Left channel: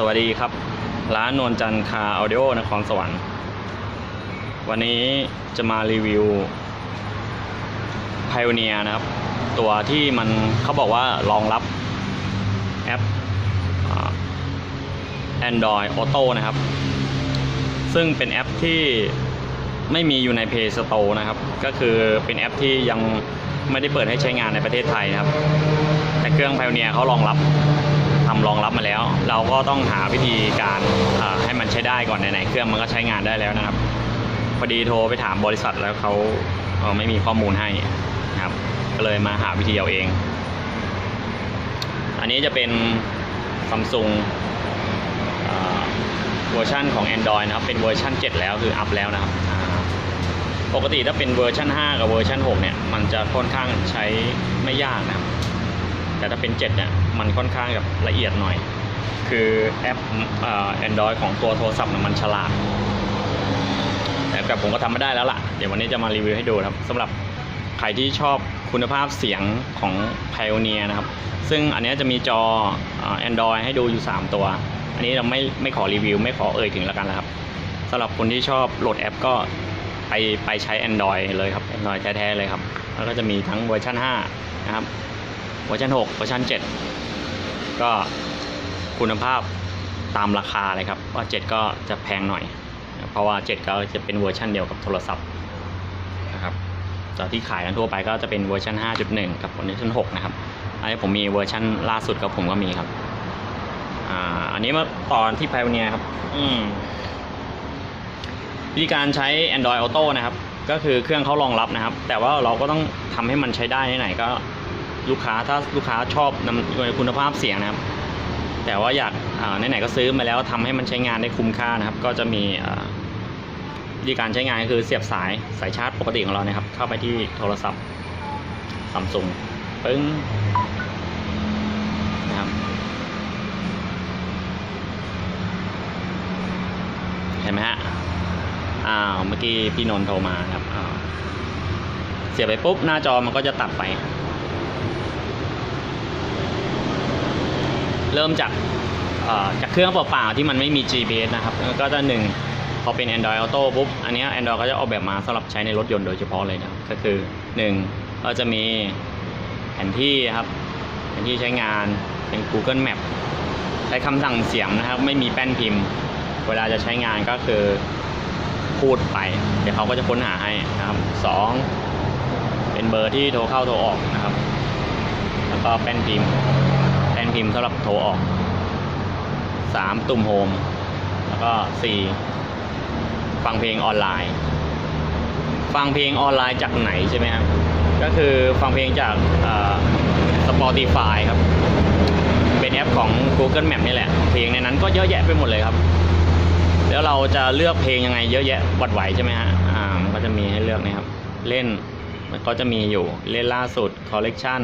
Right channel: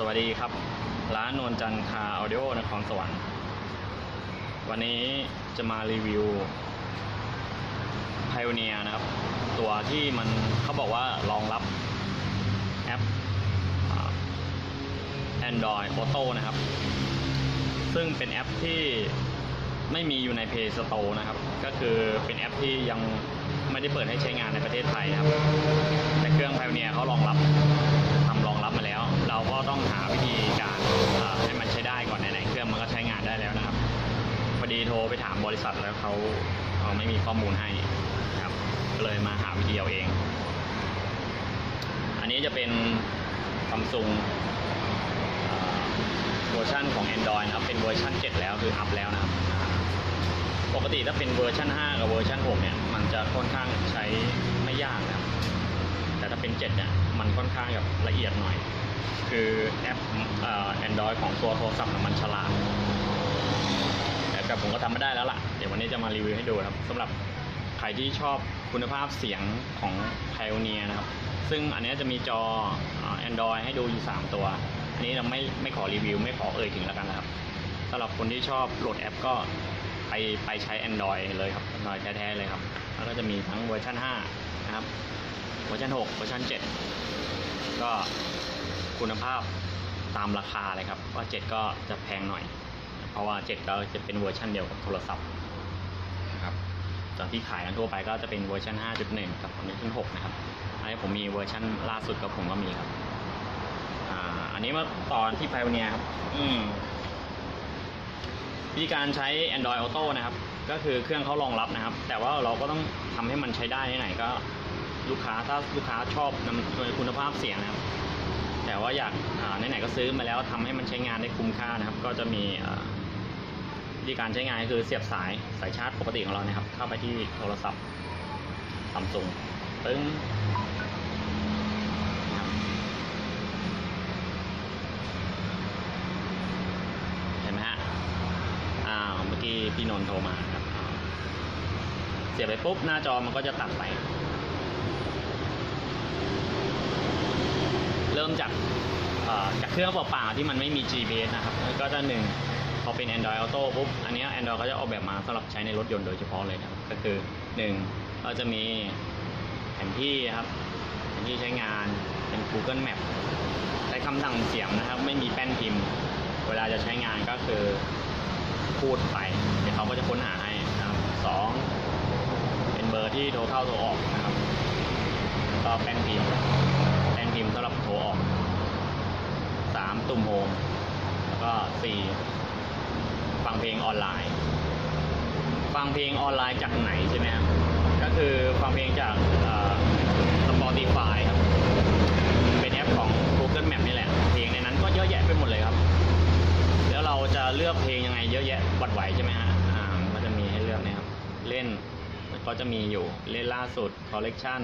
สวัสดีครับร้านนวลจันทร์คาร์ออดิโอนครสวรรค์วันนี้จะมารีวิว Pioneer นะครับตัวที่มันเขาบอกว่ารองรับแอป Android Auto นะครับซึ่งเป็นแอปที่ไม่มีอยู่ใน Play Store นะครับก็คือเป็นแอปที่ยังไม่ได้เปิดให้ใช้งานในประเทศไทยนะครับแต่เครื่อง Pioneer เขารองรับมาแล้วเราก็ต้องหาวิธีการให้มันใช้ได้ก่อนไหนๆเครื่องมันก็ใช้งานได้แล้วนะครับพอดีโทรไปถามบริษัทแล้วเขาไม่มีข้อมูลให้นะครับก็เลยมาหาวิธีเอาเองอันนี้จะเป็น Samsung เวอร์ชันของ Android นะครับเป็นเวอร์ชัน7แล้วคืออัพแล้วนะครับปกติถ้าเป็นเวอร์ชัน5กับเวอร์ชัน6เนี่ยมันจะค่อนข้างใช้ไม่ยากนะแต่ถ้าเป็น7เนี่ยมันค่อนข้างแบบละเอียดหน่อยคือแอปAndroid ของตัวโทรศัพท์มันฉลาดแต่ผมก็ทำไม่ได้แล้วล่ะเดี๋ยววันนี้จะมารีวิวให้ดูครับสำหรับใครที่ชอบคุณภาพเสียงของ Pioneer นะครับซึ่งอันนี้จะมีจอ Android ให้ดูอยู่3ตัวอันนี้เราไม่ขอรีวิวไม่ขอเอ่ยถึงแล้วกันนะครับสำหรับคนที่ชอบโหลดแอปก็ไปใช้ Android เลยครับ Android แท้ๆเลยครับแล้วก็จะมีทั้งเวอร์ชัน5นะครับเวอร์ชัน6เวอร์ชัน7ก็คุณภาพตามราคาเลยครับว่า7ก็จะแพงหน่อยเพราะว่า7ก็จะเป็นเวอร์ชันเดียวกับโทรศัพท์นะครับจากที่ขายกันทั่วไปก็จะเป็นเวอร์ชัน 5.1 กับเวอร์ชัน6นะครับอันนี้ผมมีเวอร์ชันล่าสุดกับผมก็มีครับอันนี้เมื่อตอนที่ Pioneer ครับวิธีการใช้ Android Auto นะครับก็คือเครื่องเขารองรับนะครับแต่ว่าเราก็ต้องทำให้มันใช้ได้ที่ไหนก็ถ้าลูกค้าชอบคุณภาพเสียงนะครับแต่ว่าอยากไหนๆก็ซื้อมาแล้วทำให้มันใช้งานได้คุ้มค่านะครับก็จะมีวิธีการใช้งานก็คือเสียบสายชาร์จปกติของเรานะครับเข้าไปที่โทรศัพท์ Samsung ปึ้งนะครับเห็นไหมฮะเมื่อกี้พี่นนท์โทรมาครับเสียบไปปุ๊บหน้าจอมันก็จะตัดไปเริ่มจากเครื่องเปล่าๆที่มันไม่มี GPS นะครับก็จะพอเป็น Android Auto ปุ๊บอันนี้ Android ก็จะออกแบบมาสำหรับใช้ในรถยนต์โดยเฉพาะเลยครับก็คือ1ก็จะมีแผนที่ครับแผนที่ใช้งานเป็น Google Map ใช้คำสั่งเสียงนะครับไม่มีแป้นพิมพ์เวลาจะใช้งานก็คือพูดไปเดี๋ยวเขาก็จะค้นหาให้นะครับ2เป็นเบอร์ที่โทรเข้าโทรออกนะครับแล้วก็แป้นพิมพ์สำหรับโทรออก3ตุ่มโฮมแล้วก็4ฟังเพลงออนไลน์จากไหนใช่ไหมครับก็คือฟังเพลงจากSpotify ครับเป็นแอปของ Google Map นี่แหละเพลงในนั้นก็เยอะแยะไปหมดเลยครับแล้วเราจะเลือกเพลงยังไงเยอะแยะวัดไหวใช่ไหมฮะมันก็จะมีให้เลือกนะครับเล่นมันก็จะมีอยู่เล่นล่าสุด Collection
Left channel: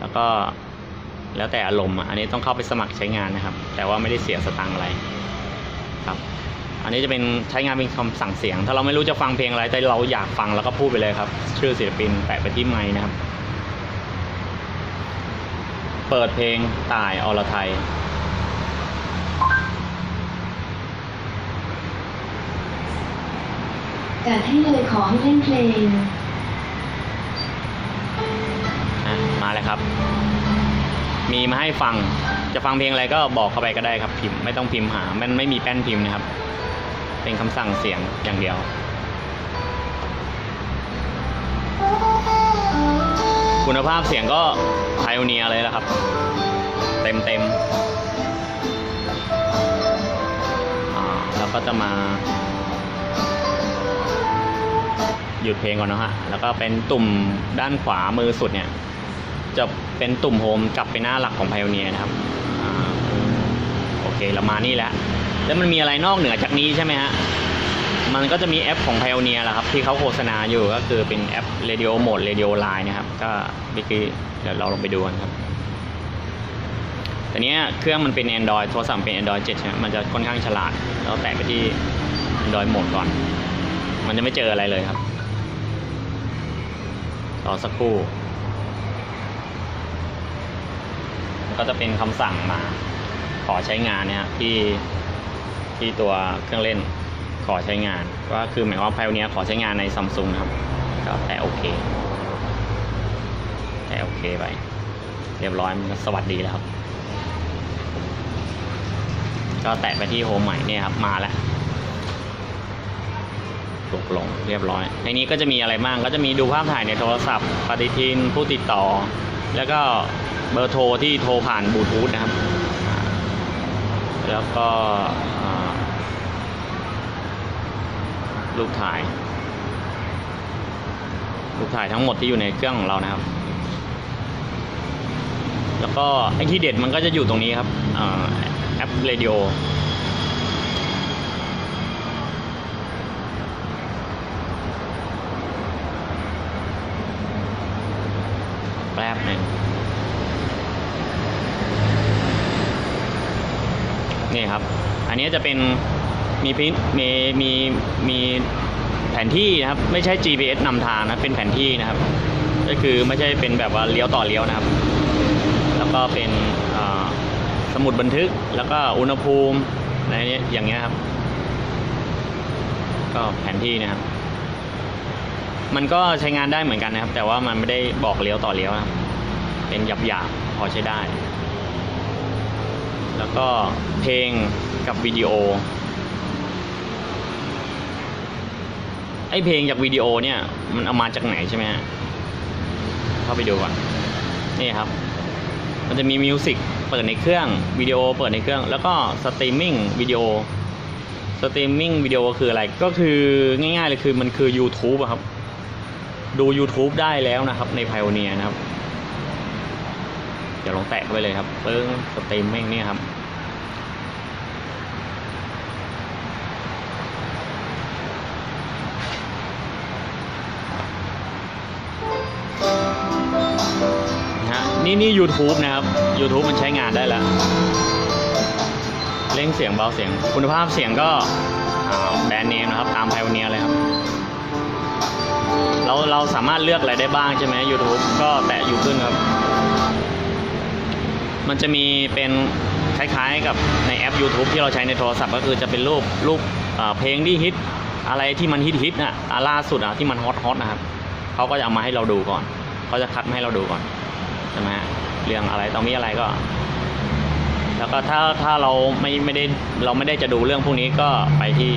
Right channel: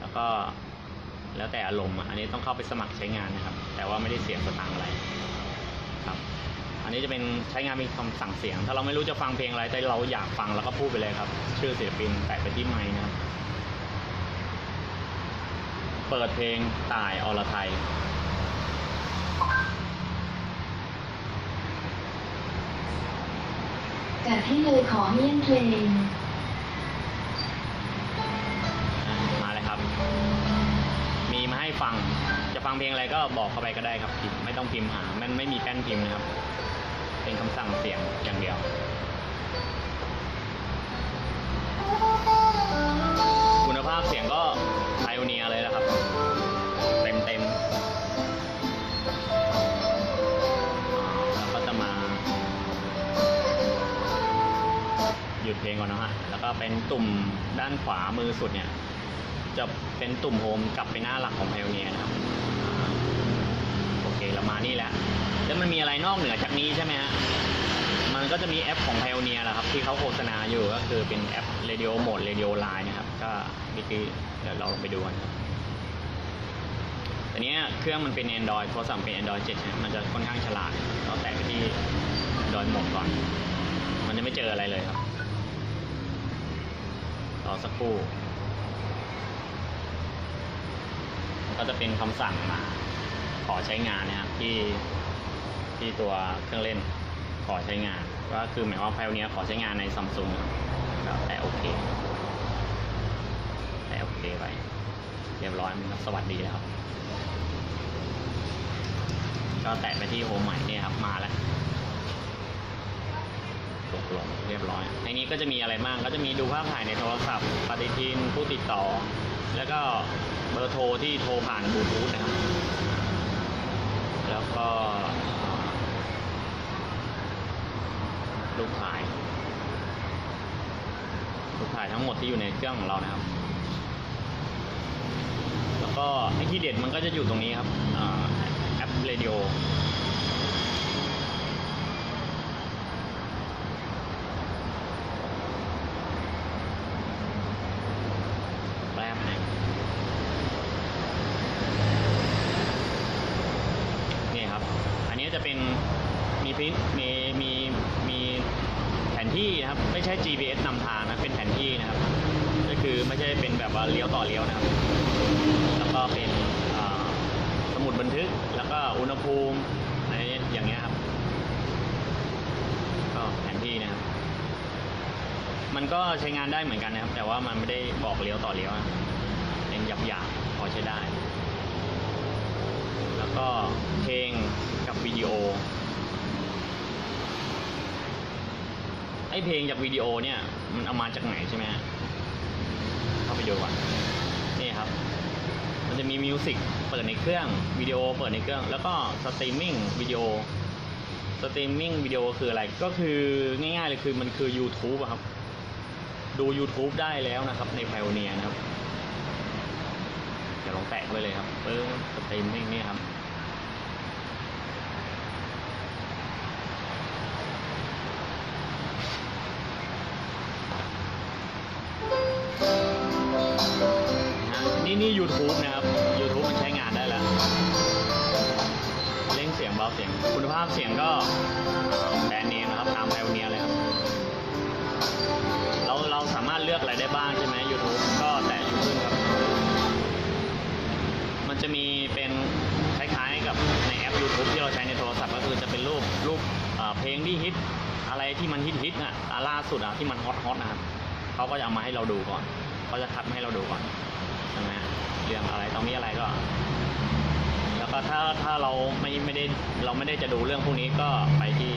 แล้วก็แล้วแต่อารมณ์อันนี้ต้องเข้าไปสมัครใช้งานนะครับแต่ว่าไม่ได้เสียสตางค์อะไรครับอันนี้จะเป็นใช้งานเป็นคำสั่งเสียงถ้าเราไม่รู้จะฟังเพลงอะไรแต่เราอยากฟังแล้วก็พูดไปเลยครับชื่อศิลปินแปะไปที่ไมค์นะครับเปิดเพลงต่ายอรไทยจัดให้เลยขอให้เล่นเพลงมาเลยครับมีมาให้ฟังจะฟังเพลงอะไรก็บอกเข้าไปก็ได้ครับพิมพ์ไม่ต้องพิมพ์หามันไม่มีแป้นพิมพ์นะครับเป็นคำสั่งเสียงอย่างเดียวคุณภาพเสียงก็ Pioneer เลยละครับเต็มเราก็จะมาหยุดเพลงก่อนนะฮะแล้วก็เป็นตุ่มด้านขวามือสุดเนี่ยจะเป็นตุ่มโฮมกลับไปหน้าหลักของ Pioneer นะครับโอเคเรามานี่แล้วมันมีอะไรนอกเหนือจากนี้ใช่ไหมฮะมันก็จะมีแอปของ Pioneer แหละครับที่เขาโฆษณาอยู่ก็คือเป็นแอป Radio Mode Radio Line นะครับก็เมื่อกี้เดี๋ยวเราลองไปดูกันครับแต่เนี้ยเครื่องมันเป็น Android โทรศัพท์เป็น Android 7ใช่ไหมมันจะค่อนข้างฉลาดเราแตะไปที่ Android Mode ก่อนมันจะไม่เจออะไรเลยครับรอสักครู่ก็จะเป็นคำสั่งมา ขอใช้งานเนี่ยที่ตัวเครื่องเล่นขอใช้งานก็คือหมายความว่า Pioneer ขอใช้งานใน Samsung นะครับก็แตะโอเคไปเรียบร้อยมันสวัสดีแล้วครับก็แตะไปที่โฮมใหม่เนี่ยครับมาแล้วตกลงเรียบร้อยในนี้ก็จะมีอะไรบ้างก็จะมีดูภาพถ่ายในโทรศัพท์ปฏิทินผู้ติดต่อแล้วก็เบอร์โทรที่โทรผ่านบลูทูธนะครับแล้วก็รูปถ่ายทั้งหมดที่อยู่ในเครื่องของเรานะครับแล้วก็ไอ้ที่เด็ดมันก็จะอยู่ตรงนี้ครับแอปเรดิโอแป๊บนึงนี่ครับอันนี้จะเป็นมีแผนที่นะครับไม่ใช่ GPS นำทางนะเป็นแผนที่นะครับก็คือไม่ใช่เป็นแบบว่าเลี้ยวต่อเลี้ยวนะครับแล้วก็เป็นสมุดบันทึกแล้วก็อุณหภูมิอะไรอย่างเงี้ยครับก็แผนที่นะครับมันก็ใช้งานได้เหมือนกันนะครับแต่ว่ามันไม่ได้บอกเลี้ยวต่อเลี้ยวนะเป็นหยาบๆพอใช้ได้แล้วก็เพลงกับวิดีโอไอ้เพลงจากวิดีโอเนี่ยมันเอามาจากไหนใช่ไหมฮะเข้าไปดูก่อนนี่ครับมันจะมีมิวสิกเปิดในเครื่องวิดีโอเปิดในเครื่องแล้วก็สตรีมมิ่งวิดีโอคืออะไรก็คือง่ายๆเลยคือมันคือ YouTube อะครับดู YouTube ได้แล้วนะครับใน Pioneer นะครับเดี๋ยวลองแตะไว้เลยครับเพิ่งสตรีมมิ่งนี่ครับนี่ YouTube นะครับ YouTube มันใช้งานได้แล้วเร่งเสียงเบาเสียงคุณภาพเสียงก็แบรนด์เนมนะครับตาม Pioneer เลยครับเราสามารถเลือกอะไรได้บ้างใช่ไหม YouTube ก็แตะอยู่ขึ้นครับมันจะมีเป็นคล้ายๆกับในแอป YouTube ที่เราใช้ในโทรศัพท์ก็คือจะเป็นรูปเพลงที่ฮิตอะไรที่มันฮิตน่ะล่าสุดที่มันฮอตนะครับเขาก็จะเอามาให้เราดูก่อนเขาจะคัดมาให้เราดูก่อนใช่ไหมเรื่องอะไรต้องมีอะไรก็แล้วก็ถ้าเราไม่ได้จะดูเรื่องพวกนี้ก็ไปที่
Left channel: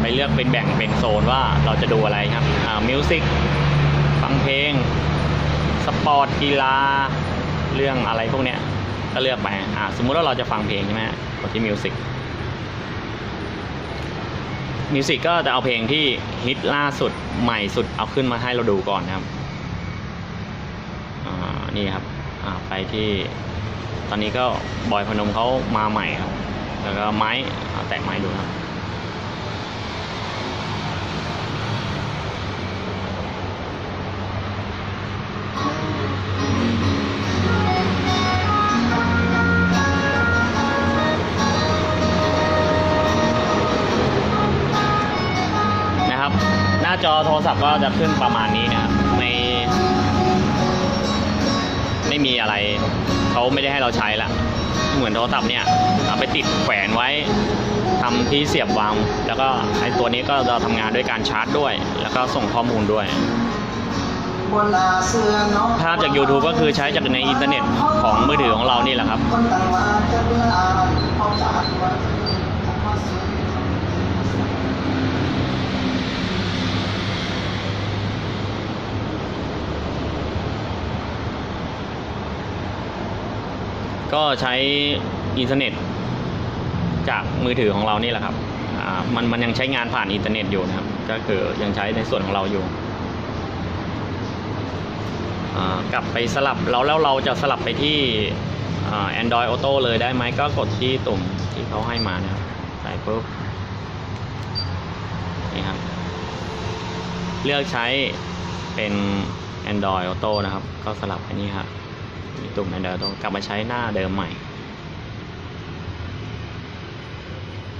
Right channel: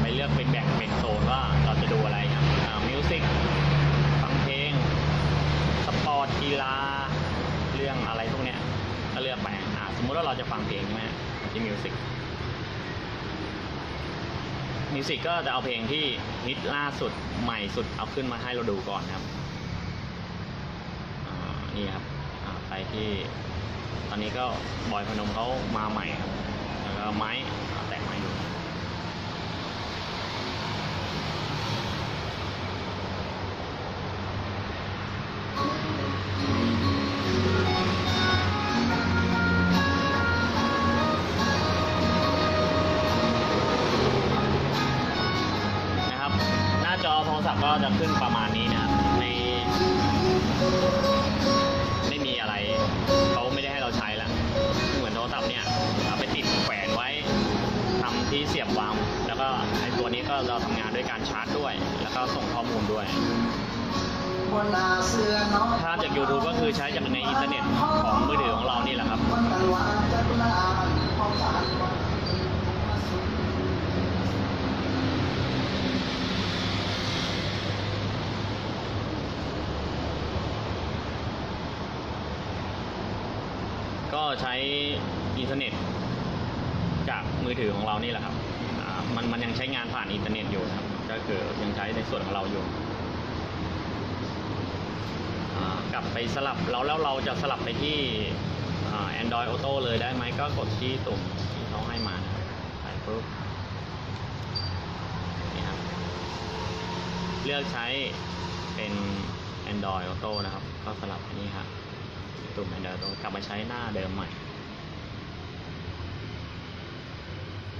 ไปเลือกเป็นแบ่งเป็นโซนว่าเราจะดูอะไรครับมิวสิกฟังเพลงสปอร์ตกีฬาเรื่องอะไรพวกเนี้ยก็เลือกไปสมมุติว่าเราจะฟังเพลงใช่ไหมกดที่มิวสิกก็จะเอาเพลงที่ฮิตล่าสุดใหม่สุดเอาขึ้นมาให้เราดูก่อนนะครับนี่ครับไปที่ตอนนี้ก็บอยพนมเขามาใหม่ครับแล้วก็ไม้แตะไม้ดูครับนะครับหน้าจอโทรศัพท์ก็จะขึ้นประมาณนี้นะครับไม่มีอะไรเขาไม่ได้ให้เราใช้ละเหมือนโทรศัพท์เนี่ยเอาไปติดแขวนไว้ทำที่เสียบวางแล้วก็ไอ้ตัวนี้ก็เราทำงานด้วยการชาร์จด้วยแล้วก็ส่งข้อมูลด้วยภาพจาก YouTube ก็คือใช้จากในอินเทอร์เน็ตของมือถือของเรานี่แหละครับก็ใช้อินเทอร์เน็ตจากมือถือของเรานี่แหละครับมันยังใช้งานผ่านอินเทอร์เน็ตอยู่นะครับก็คือยังใช้ในส่วนของเราอยู่กลับไปสลับแล้วเราจะสลับไปที่Android Auto เลยได้ไหมก็กดที่ตุ่มที่เขาให้มานะใส่ปุ๊บนี่ครับเลือกใช้เป็น Android Auto นะครับก็สลับไปนี่ครับตุ่มAndroid Auto กลับมาใช้หน้าเดิมใหม่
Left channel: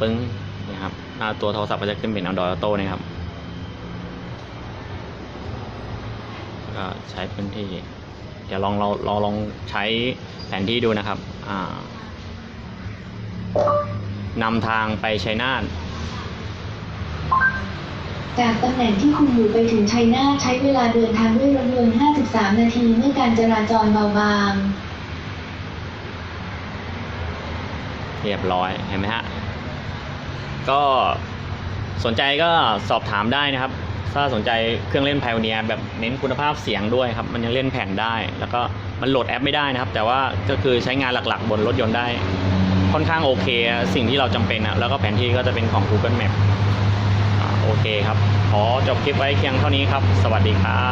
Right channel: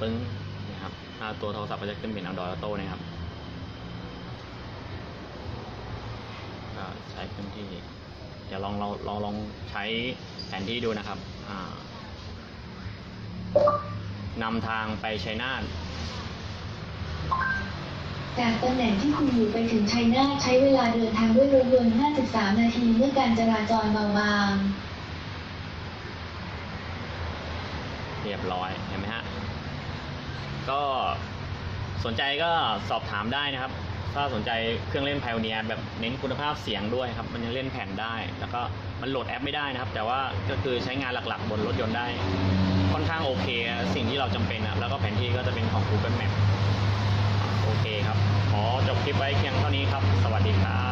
ปึ้งนะครับตัวโทรศัพท์ก็จะขึ้นเป็น Android Auto นะครับก็ใช้พื้นที่เดี๋ยวลองใช้แผนที่ดูนะครับ นำทางไปชัยนาท จากตำแหน่งที่คุณอยู่ไปถึงชัยนาทใช้เวลาเดินทางด้วยรถยนต์ 53 นาทีเมื่อการจราจรเบาบาง เรียบร้อยเห็นไหมฮะก็สนใจก็สอบถามได้นะครับถ้าสนใจเครื่องเล่น Pioneer แบบเน้นคุณภาพเสียงด้วยครับมันยังเล่นแผ่นได้แล้วก็มันโหลดแอปไม่ได้นะครับแต่ว่าก็คือใช้งานหลักๆบนรถยนต์ได้ค่อนข้างโอเคสิ่งที่เราจำเป็นนะแล้วก็แผนที่ก็จะเป็นของ Google Map โอเคครับขอจบคลิปไว้เพียงเท่านี้ครับสวัสดีครับ